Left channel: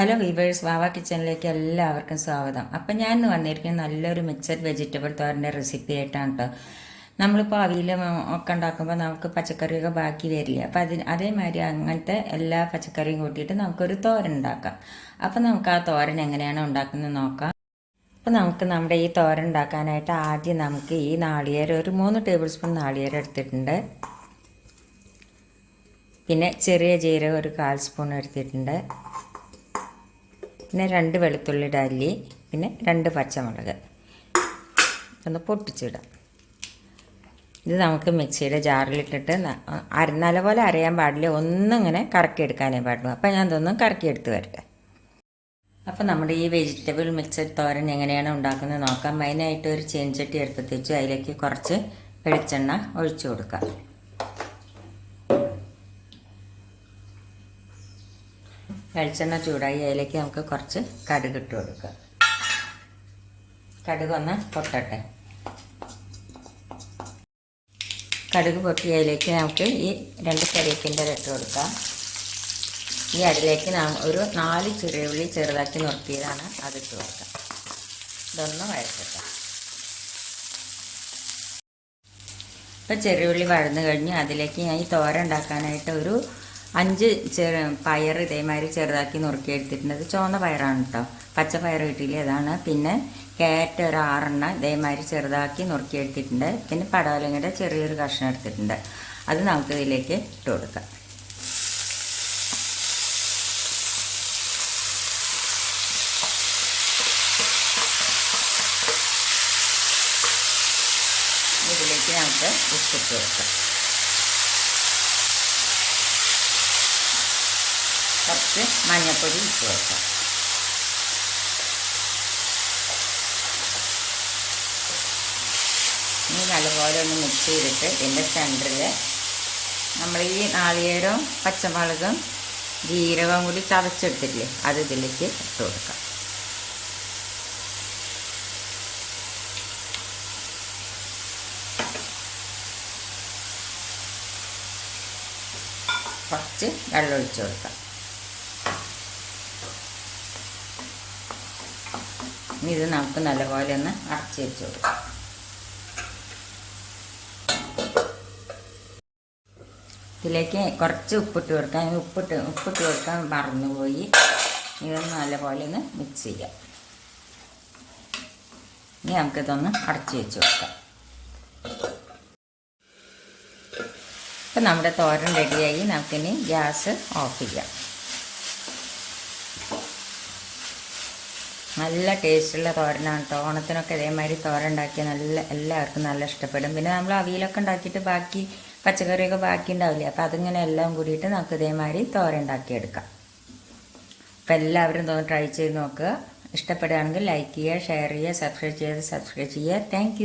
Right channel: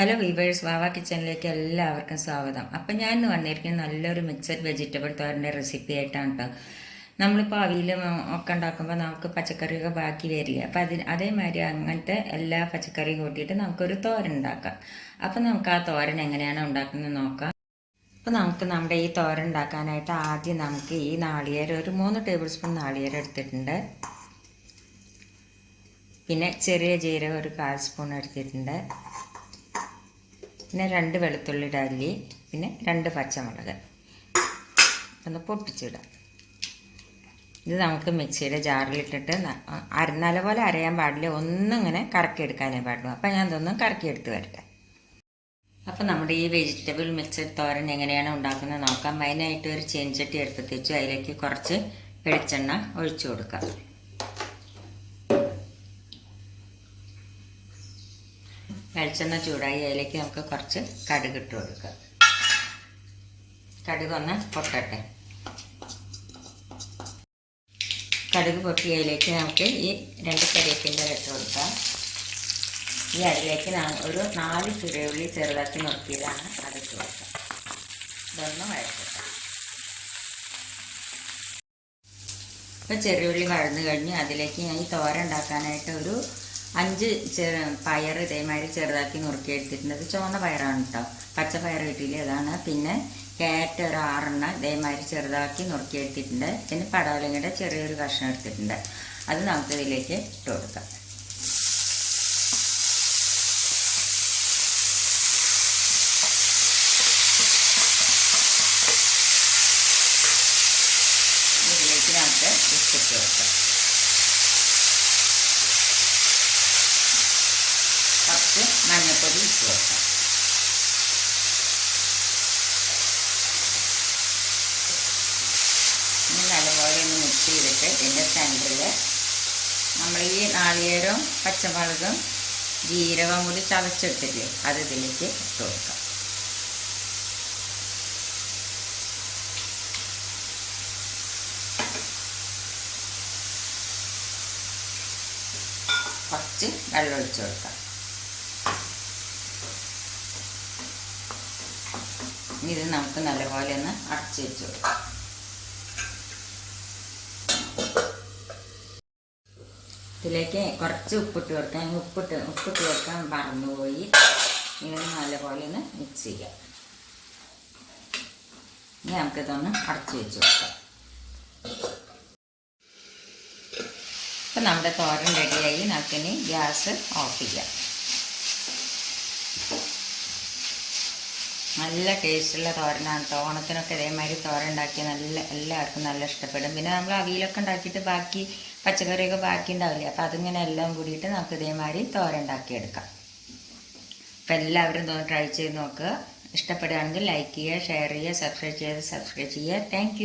Hello weavers വാവ കിച്ചണിലേക്ക് എല്ലാവർക്കും സ്വാഗതം. അപ്പം ഞാൻ ഇന്ന് വന്നിരിക്കുന്ന നല്ലൊരു മിക്സഡ് വെജിറ്റബിൾ തോരന്റെ റെസിപ്പി ആയിട്ടാണ് കേട്ടോ നമ്മളിപ്പോൾ അവിയിൽ ഒക്കെ ഉണ്ടാക്കുമ്പോൾ നമുക്ക് പച്ചക്കറിയൊക്കെ ബാക്കി വരില്ല? അപ്പം അതിന് അതേമാതിരി അങ്ങനത്തെ എല്ലാ പച്ചക്കറിയും കൂട്ടിയിട്ട് നമുക്കൊരു തോരൻ ഉണ്ടാക്കാം. അപ്പം നമുക്ക് ആ തോരൻ എങ്ങനെയാണ് ഉണ്ടാക്കുന്നത് നോക്കാം. അപ്പം നമുക്ക് നമ്മുടെ ഈ തോരൻ ഉണ്ടാക്കാനായിട്ട് ആദ്യം നമുക്ക് ഈ നാളികേരം ഒരു മൂന്ന് ടേബിൾ സ്പൂൺ നാളികേരം എടുത്തിട്ടുണ്ട്. പിന്നെ ചെറിയ ജീരകം ഒരു കാൽ സ്പൂൺ എടുത്തിട്ടുണ്ട്. പിന്നെ രണ്ട് വെളുത്തുള്ളിയുടെ അല്ലി പിന്നെ രണ്ട് പച്ചമുളക്. ഒന്ന് പൊട്ടിച്ചിടാം ഇത് നമുക്ക് മിക്സിയുടെ ജാറിലിട്ടിട്ട് അരനല പോലെ അരയാൻ പാടില്ല. ഒന്നും ഇങ്ങനെ കറക്കിയെടുക്കാനേ പാടുള്ളൂ. അപ്പം ഞാൻ ഇതൊന്നും കറക്കിയെടുത്ത് വരട്ടെ. അപ്പം നമ്മുടെ ഈ വെജിറ്റബിൾ മിക്സഡ് തോരൻ എങ്ങനെയാണ് ഉണ്ടാക്കുന്നത് നോക്കാം. മെയിനായിട്ട് ഒരു ചീൻചട്ടി എടുത്ത് വെച്ച്. അതിലേക്ക് കുറച്ച് വെളിച്ചെണ്ണ ഒഴിച്ചു കൊടുക്കാം. വെളിച്ചെണ്ണ ചൂടായി അതിലേക്ക് നമുക്ക് കുറച്ച് കടുക് ഇട്ട് കൊടുക്കുക കടുക് ഒന്ന് പൊട്ടട്ടെ. കടുക് പൊട്ടി അതിലേക്ക് നമുക്ക് ഈ രണ്ട് കറിയപ്പിന്റെ ഇട്ട് കൊടുക്കാം. ഈ അതിലേക്ക് ഒരു നാല് ചുരയുള്ളി ചെറുതാക്കി നിർത്തിയതാണ് അത് ഇട്ട് കൊടുക്കാം. ഇതൊന്ന് വഴക്കട്ടെ ഇപ്പം ചെറിയുള്ളി വഴന്നു കഴിഞ്ഞ് അതിലേക്ക് ഞാൻ ഈ തോര ഉണ്ടാക്കാനായിട്ട് ഒരു അഞ്ച് ചെറു പയർ ഇതേമാതിരി ചെറുതാക്കി നുറുക്കി എടുത്തിട്ടുണ്ട്. അത് ചുവന്ന പയറാണ് കേട്ടോ പച്ച പയർ കിട്ടിയില്ല അതാണ് പിന്നെ കാരറ്റ് ഒരു ആറെണ്ണം ഇതേമാതിരി ചെറുതാക്കി നുറുക്കി എടുത്തിട്ടുണ്ട്. പിന്നെ പടവലങ്ങയുടെ ചെറിയൊരു കഷ്ണം എടുത്തിട്ടുണ്ട്. അത് നമുക്ക് ഇതിലേക്ക് ഇട്ട് കൊടുക്കാം. ഇതിലേക്ക് നമുക്ക് ഉപ്പിട്ട് കൊടുക്കാം. കുറച്ച് മഞ്ഞൾപ്പൊടി ഇട്ട് കൊടുക്കാം. ഇനി നല്ലപോലെ ഒന്ന് മിക്സ് ചെയ്തിട്ട് ഇതിന്റെ സെന്ററിൽ നമ്മൾ ഈ നാളികേരവും പച്ചമുളകും ജീരകവും കൂടി ചതച്ചെടുത്തില്ലേ അത് ഇതിലേക്ക് ഇട്ട് കൊടുക്കാം. കുറച്ച് കൊടുക്കാം. ഇനി ഇത് നമുക്ക് നല്ലപോലെ ഒന്ന് അടച്ച് വെച്ചു ഇതിലേക്ക് കുറച്ച് ഉപ്പിട്ട് കൊടുക്കാം. ഉപ്പിട്ട് ഉപ്പിട്ട് കൊടുക്കാൻ മറന്നുപോയി. ഇതൊന്ന് നല്ലപോലെ ഒന്ന് മിക്സ് ചെയ്യാം. ഇനി നമുക്കിതൊന്ന് അടച്ചു വെച്ച് കൊടുക്കാം. ഇപ്പം നമ്മുടെ തോരൻ റെഡിയായി നമുക്കിനി ഗ്യാസ് ഓഫ് ചെയ്യാം. നല്ല ടേസ്റ്റുള്ള തോരനാണ്. കേട്ടോ ഓണത്തിനൊക്കെ ഇതേമാതിരി തോരൻ ഉണ്ടാക്കിയാൽ നല്ല എല്ലാവർക്കും നല്ല ഇഷ്ടപ്പെടും. പിന്നെ നമ്മൾ അവിയലൊക്കെ ഉണ്ടാക്കിയിട്ട് ബാക്കി പച്ചക്കറിയൊക്കെ ബാക്കി ഉണ്ടാവില്ലേ അപ്പോൾ അതിങ്ങനെ എല്ലാം കൂടിയിട്ട് നമുക്ക് ഇതേമാതിരി തോരൻ ഉണ്ടാക്കിയെടുക്കാം അപ്പോൾ എല്ലാവരും തോന്നി ട്രൈ ചെയ്ത് നോക്കുക. ഇഷ്ടപ്പെടുകയാണെങ്കിൽ ലൈക്ക് ചെയ്യുക ഷെയർ ചെയ്യുക സബ്സ്ക്രൈബ് ചെയ്യുക സബ്സ്ക്രൈബ് ചെയ്യുക. താങ്ക്